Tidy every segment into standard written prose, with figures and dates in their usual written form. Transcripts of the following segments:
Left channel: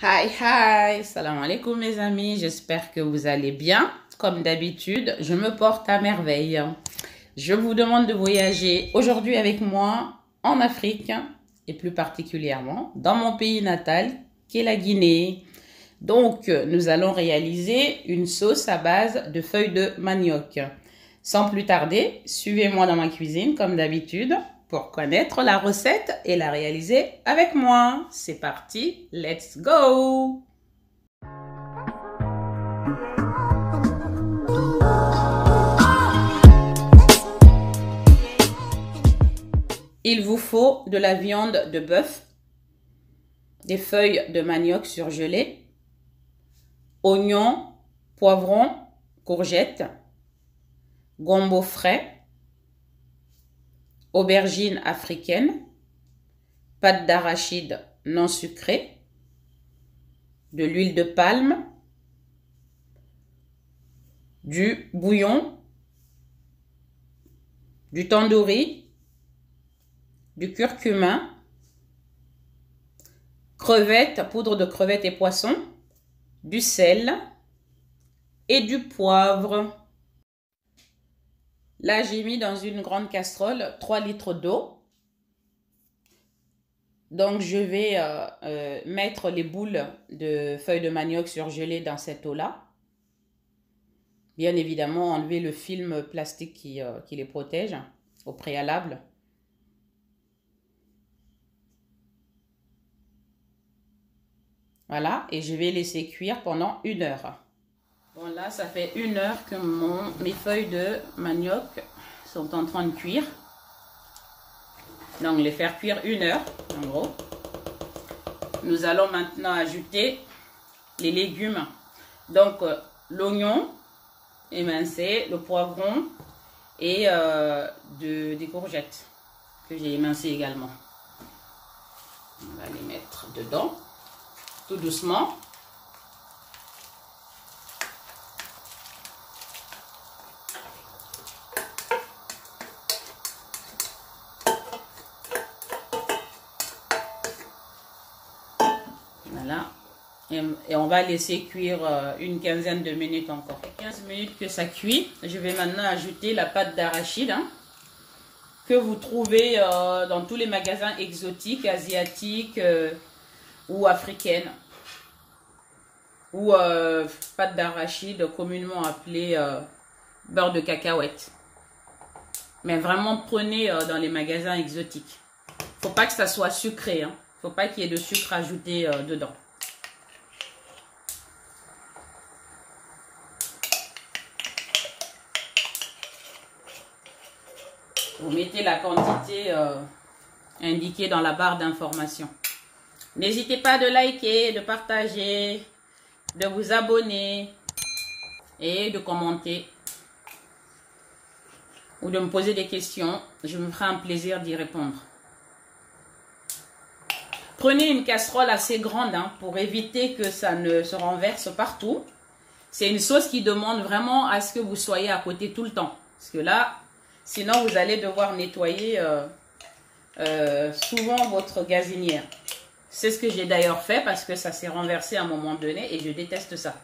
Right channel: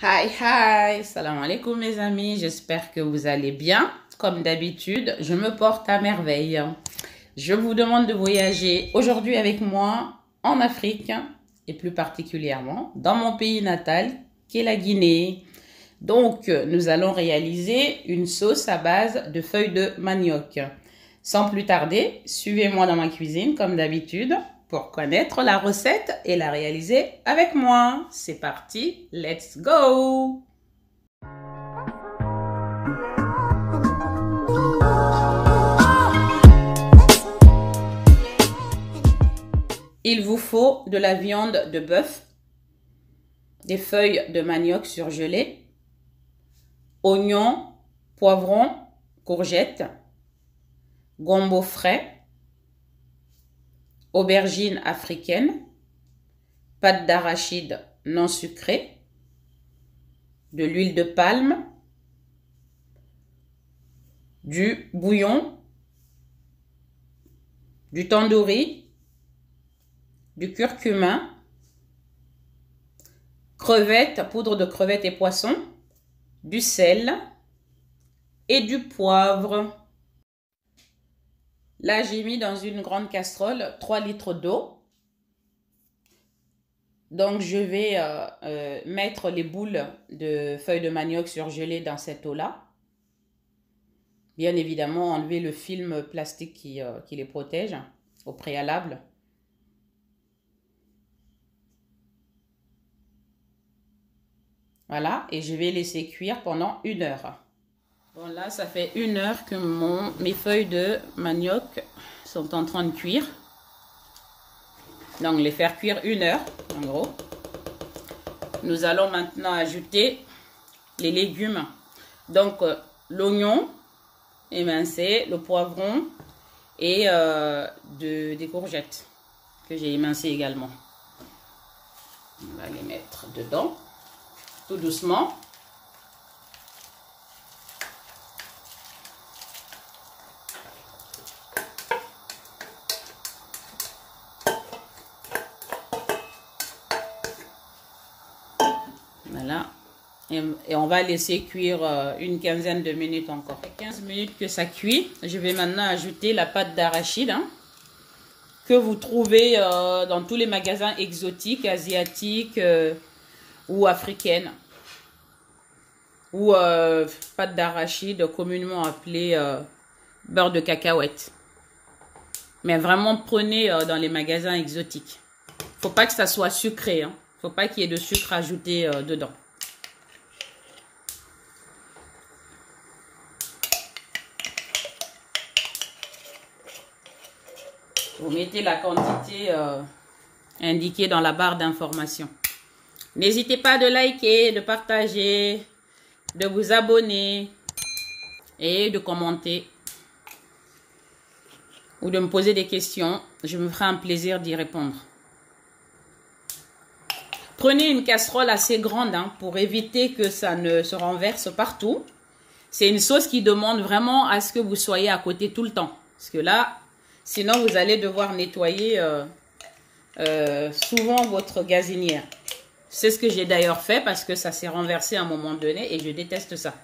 Hi, hi, salam alaikum mes amis, j'espère que vous allez bien. Comme d'habitude, je me porte à merveille. Je vous demande de voyager aujourd'hui avec moi en Afrique et plus particulièrement dans mon pays natal qui est la Guinée. Donc, nous allons réaliser une sauce à base de feuilles de manioc. Sans plus tarder, suivez-moi dans ma cuisine comme d'habitude pour connaître la recette et la réaliser avec moi. C'est parti, let's go! Il vous faut de la viande de bœuf, des feuilles de manioc surgelées, oignons, poivrons, courgettes, gombo frais, aubergines africaines, pâte d'arachide non sucrée, de l'huile de palme, du bouillon, du tandoori, du curcuma, crevettes, poudre de crevettes et poissons, du sel et du poivre. Là, j'ai mis dans une grande casserole 3 litres d'eau. Donc, je vais mettre les boules de feuilles de manioc surgelées dans cette eau-là. Bien évidemment, enlever le film plastique qui les protège au préalable. Voilà, et je vais laisser cuire pendant 1 heure. Bon, là, ça fait 1 heure que mes feuilles de manioc sont en train de cuire. Donc, les faire cuire 1 heure, en gros. Nous allons maintenant ajouter les légumes. Donc, l'oignon émincé, le poivron et des courgettes que j'ai émincées également. On va les mettre dedans, tout doucement. Voilà. Et on va laisser cuire une quinzaine de minutes encore. 15 minutes que ça cuit, je vais maintenant ajouter la pâte d'arachide que vous trouvez dans tous les magasins exotiques, asiatiques ou africaines. Ou pâte d'arachide communément appelée beurre de cacahuète. Mais vraiment prenez dans les magasins exotiques. Faut pas que ça soit sucré, hein. Faut pas qu'il y ait de sucre ajouté dedans. Vous mettez la quantité indiquée dans la barre d'information. N'hésitez pas de liker, de partager, de vous abonner et de commenter ou de me poser des questions. Je me ferai un plaisir d'y répondre. Prenez une casserole assez grande pour éviter que ça ne se renverse partout. C'est une sauce qui demande vraiment à ce que vous soyez à côté tout le temps. Parce que là, sinon vous allez devoir nettoyer souvent votre gazinière. C'est ce que j'ai d'ailleurs fait parce que ça s'est renversé à un moment donné et je déteste ça.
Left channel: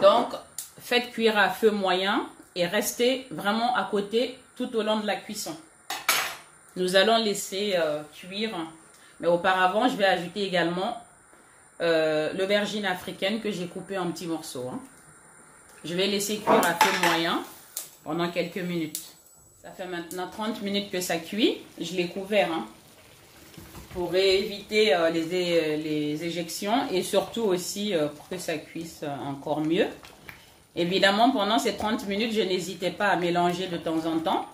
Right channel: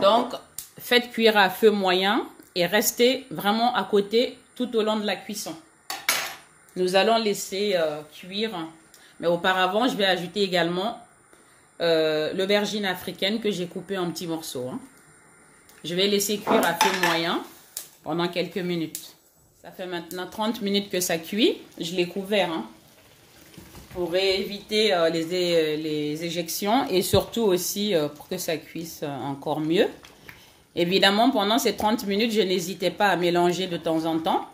Donc, faites cuire à feu moyen et restez vraiment à côté tout au long de la cuisson. Nous allons laisser cuire. Mais auparavant, je vais ajouter également l'aubergine africaine que j'ai coupée en petits morceaux. Je vais laisser cuire à feu moyen pendant quelques minutes. Ça fait maintenant 30 minutes que ça cuit. Je l'ai couvert pour éviter les éjections et surtout aussi pour que ça cuise encore mieux. Évidemment, pendant ces 30 minutes, je n'hésitais pas à mélanger de temps en temps.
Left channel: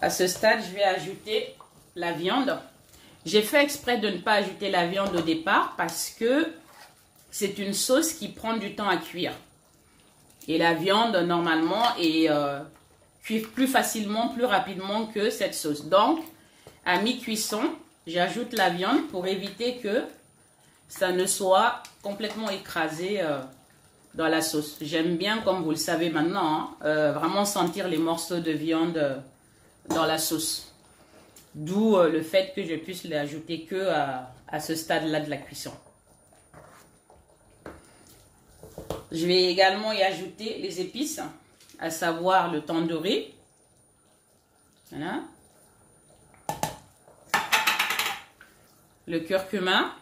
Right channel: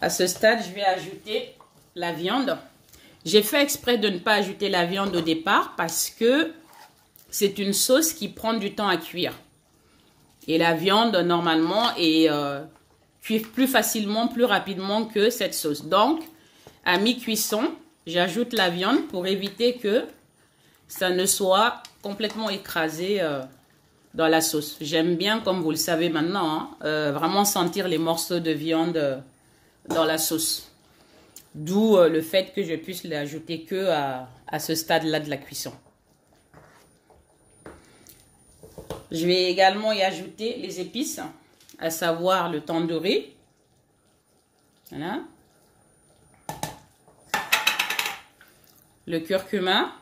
À ce stade, je vais ajouter la viande. J'ai fait exprès de ne pas ajouter la viande au départ parce que c'est une sauce qui prend du temps à cuire. Et la viande, normalement, cuit plus facilement, plus rapidement que cette sauce. Donc, à mi-cuisson, j'ajoute la viande pour éviter que ça ne soit complètement écrasé dans la sauce. J'aime bien, comme vous le savez maintenant, vraiment sentir les morceaux de viande dans la sauce. D'où le fait que je puisse l'ajouter que à ce stade-là de la cuisson. Je vais également y ajouter les épices, à savoir le tandoori. Voilà. Le curcuma.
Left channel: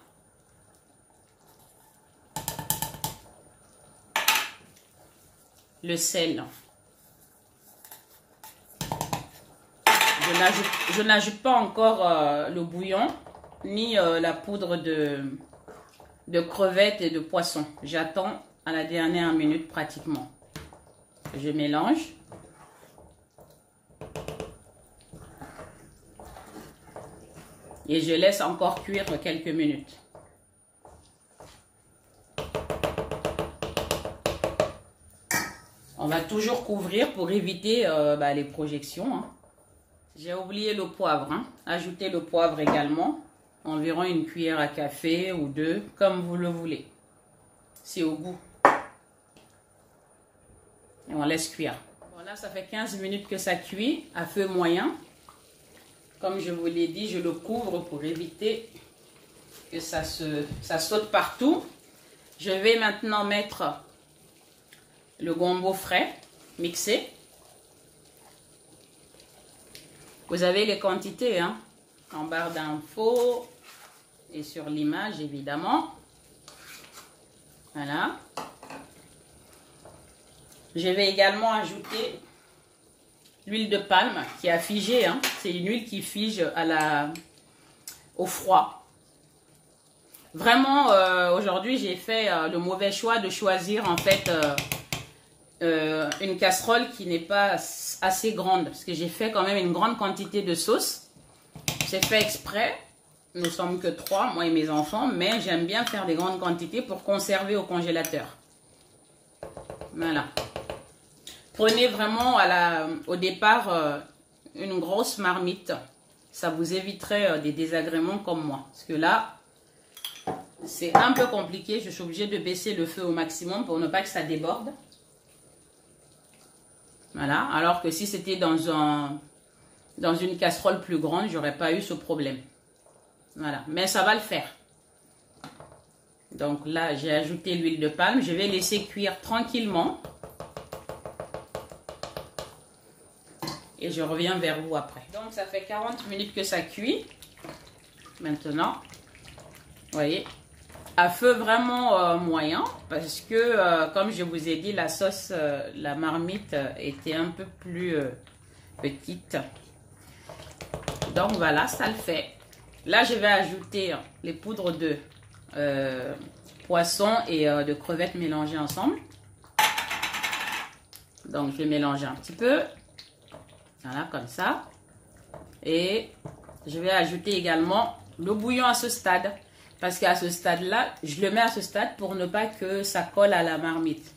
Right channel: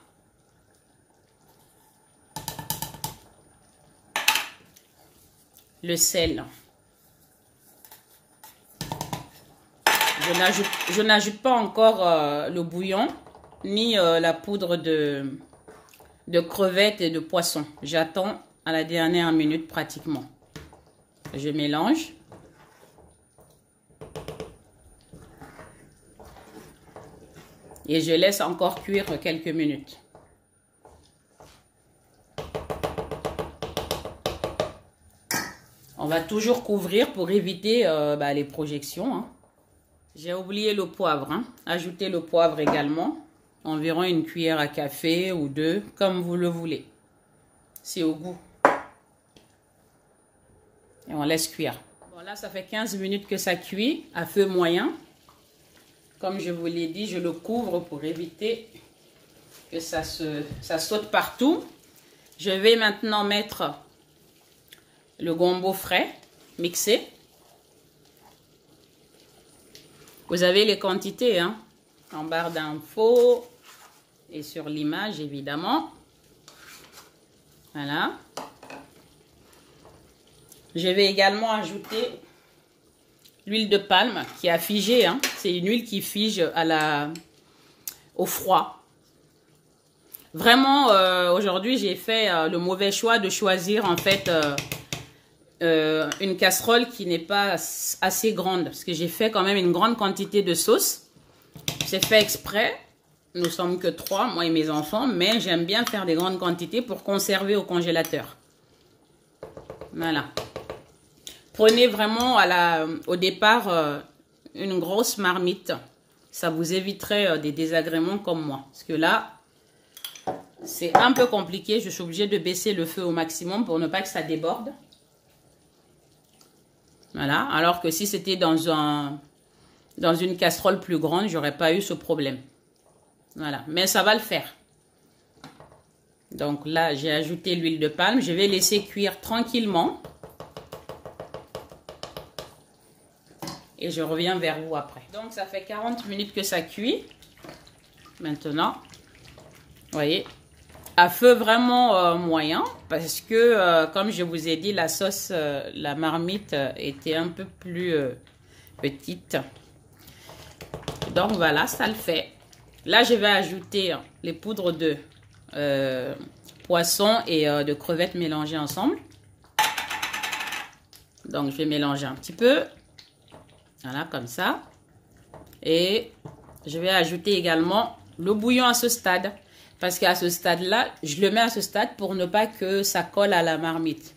Le sel. Je n'ajoute pas encore le bouillon ni la poudre de crevettes et de poisson. J'attends à la dernière minute pratiquement. Je mélange. Et je laisse encore cuire quelques minutes. On va toujours couvrir pour éviter les projections. Hein. J'ai oublié le poivre. Hein. Ajoutez le poivre également. Environ une cuillère à café ou deux, comme vous le voulez. C'est au goût. Et on laisse cuire. Voilà, ça fait 15 minutes que ça cuit à feu moyen. Comme je vous l'ai dit, je le couvre pour éviter que ça saute partout. Je vais maintenant mettre le gombo frais mixé. Vous avez les quantités hein, en barre d'infos et sur l'image évidemment. Voilà. Je vais également ajouter l'huile de palme qui a figé. Hein. C'est une huile qui fige au froid. Vraiment, aujourd'hui, j'ai fait le mauvais choix de choisir en fait une casserole qui n'est pas assez grande. Parce que j'ai fait quand même une grande quantité de sauce. C'est fait exprès. Nous sommes que 3, moi et mes enfants. Mais j'aime bien faire des grandes quantités pour conserver au congélateur. Voilà. Prenez vraiment au départ une grosse marmite. Ça vous éviterait des désagréments comme moi. Parce que là, c'est un peu compliqué. Je suis obligée de baisser le feu au maximum pour ne pas que ça déborde. Voilà. Alors que si c'était dans une casserole plus grande, j'aurais pas eu ce problème. Voilà. Mais ça va le faire. Donc là, j'ai ajouté l'huile de palme. Je vais laisser cuire tranquillement. Et je reviens vers vous après. Donc, ça fait 40 minutes que ça cuit. Maintenant, vous voyez, à feu vraiment moyen. Parce que, comme je vous ai dit, la sauce, la marmite était un peu plus petite. Donc, voilà, ça le fait. Là, je vais ajouter les poudres de poisson et de crevettes mélangées ensemble. Donc, je vais mélanger un petit peu. Voilà, comme ça. Et je vais ajouter également le bouillon à ce stade. Parce qu'à ce stade-là, je le mets à ce stade pour ne pas que ça colle à la marmite.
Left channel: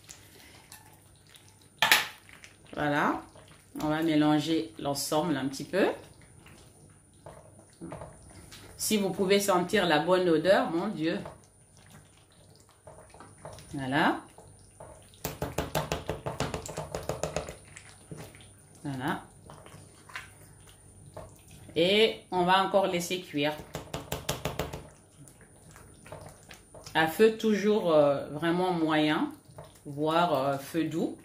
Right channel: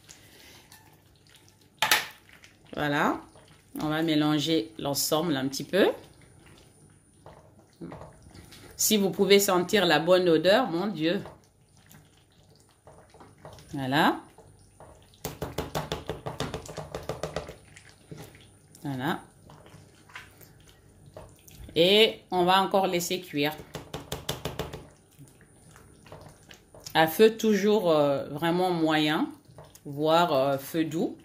Voilà. On va mélanger l'ensemble un petit peu. Si vous pouvez sentir la bonne odeur, mon Dieu. Voilà. Voilà. Et on va encore laisser cuire. À feu toujours vraiment moyen, voire feu doux.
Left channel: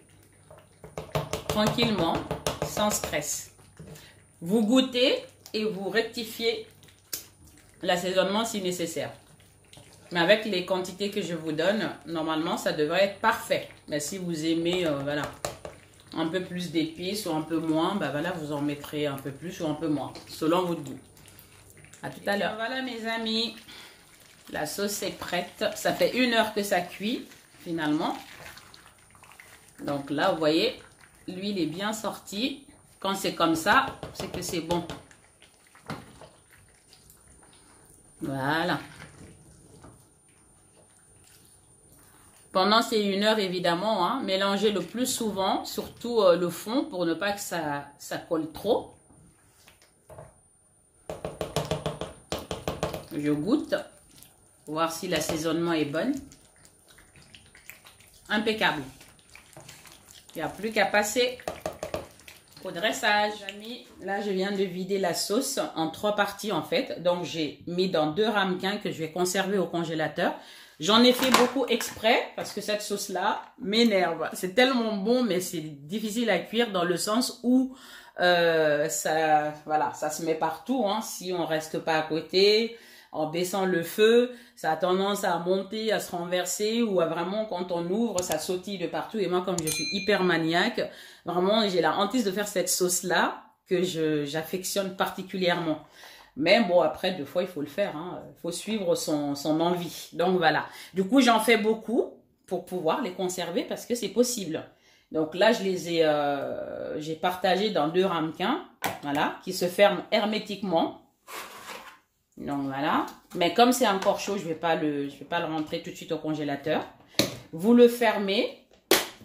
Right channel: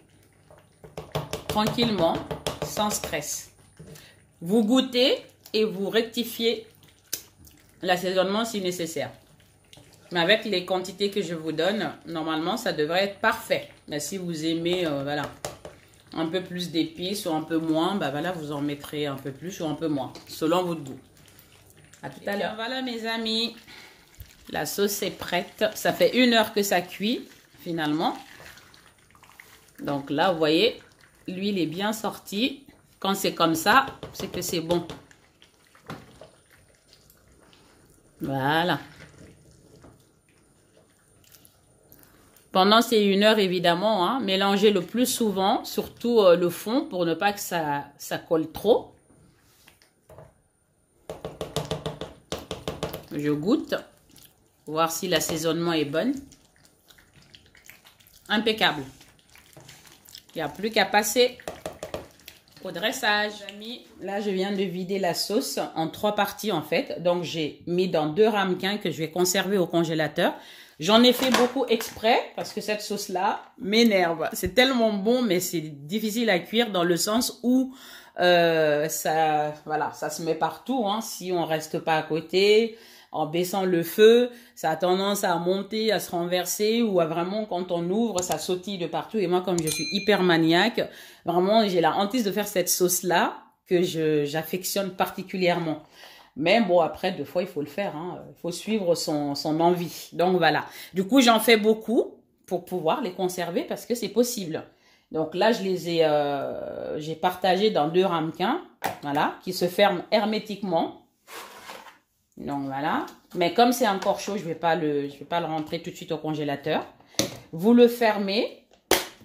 Tranquillement, sans stress. Vous goûtez et vous rectifiez l'assaisonnement si nécessaire. Mais avec les quantités que je vous donne, normalement, ça devrait être parfait. Mais si vous aimez, voilà, un peu plus d'épices ou un peu moins, bah voilà, vous en mettrez un peu plus ou un peu moins, selon votre goût. À tout à l'heure. Voilà mes amis, la sauce est prête. Ça fait 1 heure que ça cuit, finalement. Donc là, vous voyez, l'huile est bien sortie. Quand c'est comme ça, c'est que c'est bon. Voilà. Pendant ces 1 heure, évidemment, hein, mélangez le plus souvent, surtout le fond, pour ne pas que ça colle trop. Je goûte, voir si l'assaisonnement est bon. Impeccable. Il n'y a plus qu'à passer au dressage. Là, je viens de vider la sauce en 3 parties en fait. Donc, j'ai mis dans 2 ramequins que je vais conserver au congélateur. J'en ai fait beaucoup exprès parce que cette sauce-là m'énerve. C'est tellement bon, mais c'est difficile à cuire dans le sens où ça se met partout. Hein, si on reste pas à côté, en baissant le feu, ça a tendance à monter, à se renverser ou à vraiment, quand on ouvre, ça sautille de partout. Et moi, comme je suis hyper maniaque, vraiment, j'ai la hantise de faire cette sauce-là que j'affectionne particulièrement. Mais bon, après, 2 fois, il faut le faire. Hein. Il faut suivre son envie. Donc, voilà. Du coup, j'en fais beaucoup pour pouvoir les conserver parce que c'est possible. Donc là, j'ai partagé dans 2 ramequins, voilà, qui se ferment hermétiquement. Donc, voilà. Mais comme c'est encore chaud, je vais pas le rentrer tout de suite au congélateur. Vous le fermez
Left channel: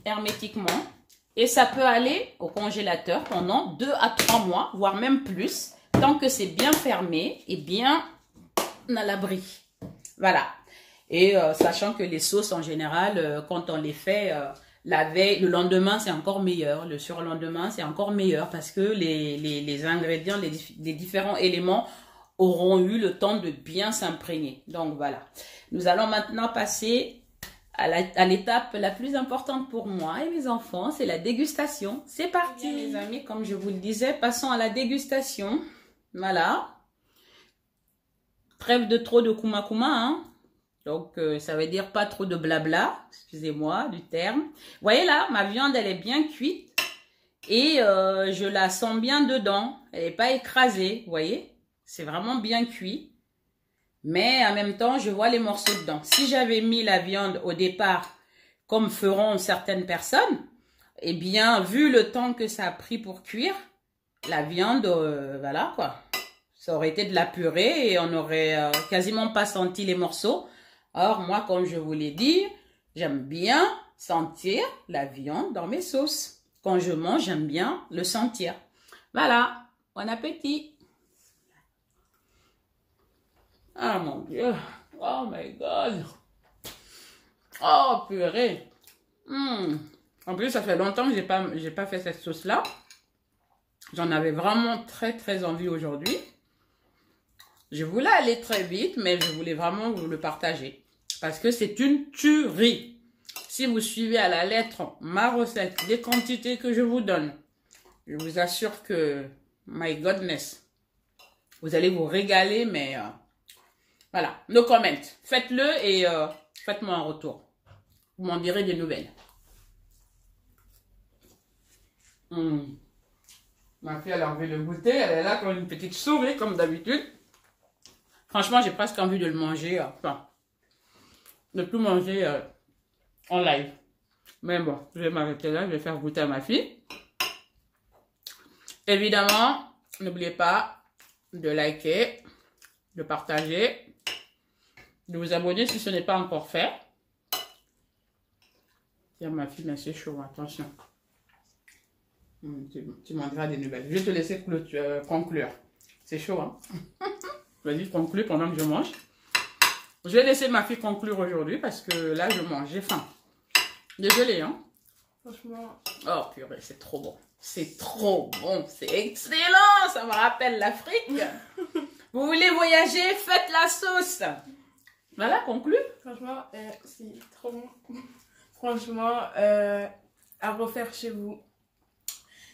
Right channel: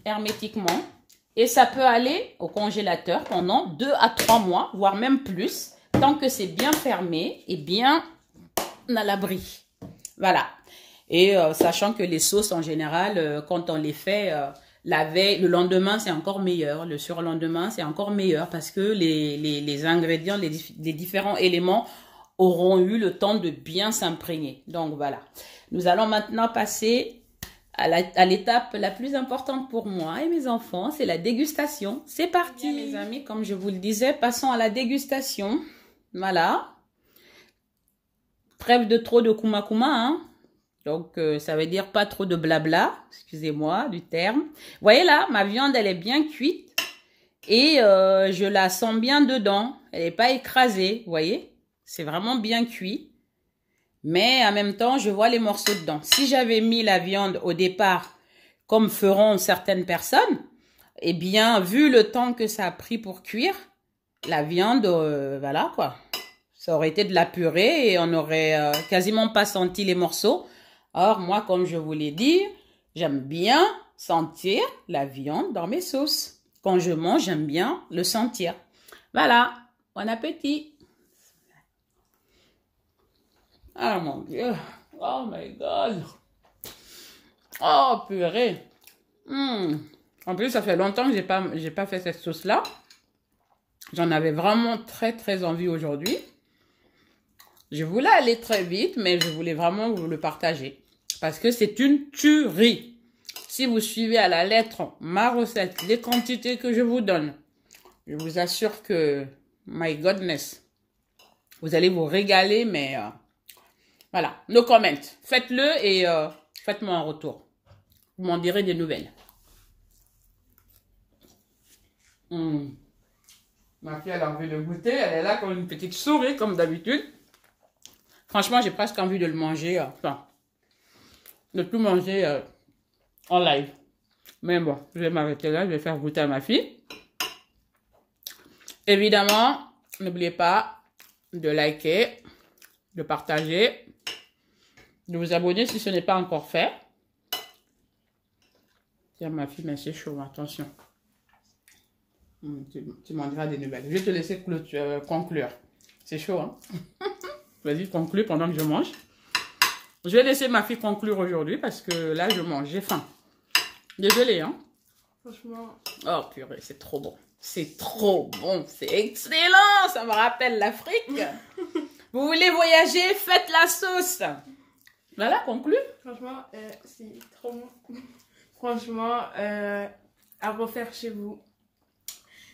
hermétiquement et ça peut aller au congélateur pendant 2 à 3 mois, voire même plus. Tant que c'est bien fermé et bien à l'abri. Voilà. Et sachant que les sauces, en général, quand on les fait la veille, le lendemain, c'est encore meilleur. Le surlendemain, c'est encore meilleur parce que les ingrédients, les différents éléments auront eu le temps de bien s'imprégner. Donc, voilà. Nous allons maintenant passer à l'étape la plus importante pour moi et mes enfants, c'est la dégustation. C'est parti, les amis. Comme je vous le disais, passons à la dégustation. Voilà. Trêve de trop de kuma, hein. Donc, ça veut dire pas trop de blabla. Excusez-moi du terme. Vous voyez là, ma viande, elle est bien cuite. Et je la sens bien dedans. Elle n'est pas écrasée, vous voyez. C'est vraiment bien cuit. Mais en même temps, je vois les morceaux dedans. Si j'avais mis la viande au départ, comme feront certaines personnes, eh bien, vu le temps que ça a pris pour cuire, la viande, voilà quoi. Ça aurait été de la purée et on n'aurait quasiment pas senti les morceaux. Or, moi, comme je vous l'ai dit, j'aime bien sentir la viande dans mes sauces. Quand je mange, j'aime bien le sentir. Voilà, bon appétit. Ah mon Dieu, oh my God. Oh purée. En plus, ça fait longtemps que j'ai pas fait cette sauce-là. J'en avais vraiment très envie aujourd'hui. Je voulais aller très vite, mais je voulais vraiment vous le partager. Parce que c'est une tuerie. Si vous suivez à la lettre ma recette, les quantités que je vous donne, je vous assure que, my goodness, vous allez vous régaler, mais voilà. No comment. Faites-le et faites-moi un retour. Vous m'en direz des nouvelles. Ma fille, elle a envie de goûter. Elle est là comme une petite souris, comme d'habitude. Franchement, j'ai presque envie de le manger. Enfin, de tout manger en live. Mais bon, je vais m'arrêter là. Je vais faire goûter à ma fille. Évidemment, n'oubliez pas de liker, de partager, de vous abonner si ce n'est pas encore fait. Tiens, ma fille, mais c'est chaud. Attention. Tu m'en diras des nouvelles. Je vais te laisser conclure. C'est chaud, hein? Vas-y, conclue pendant que je mange. Je vais laisser ma fille conclure aujourd'hui parce que là, je mange. J'ai faim. Désolée, hein? Franchement. Oh, purée, c'est trop bon. C'est trop bon. C'est excellent. Ça me rappelle l'Afrique. Vous voulez voyager? Faites la sauce. Voilà, conclue. Franchement, c'est trop bon. Franchement, à refaire chez vous.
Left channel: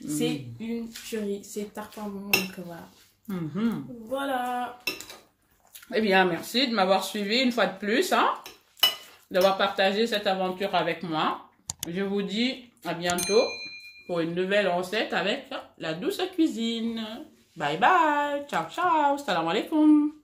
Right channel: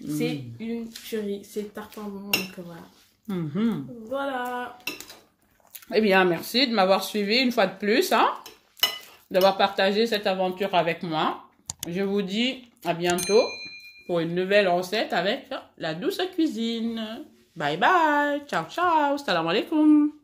C'est une tuerie. C'est tartin bon. Donc voilà. Voilà. Eh bien, merci de m'avoir suivi une fois de plus, hein, d'avoir partagé cette aventure avec moi. Je vous dis à bientôt pour une nouvelle recette avec la douce cuisine. Bye bye. Ciao, ciao. Salam alaikum.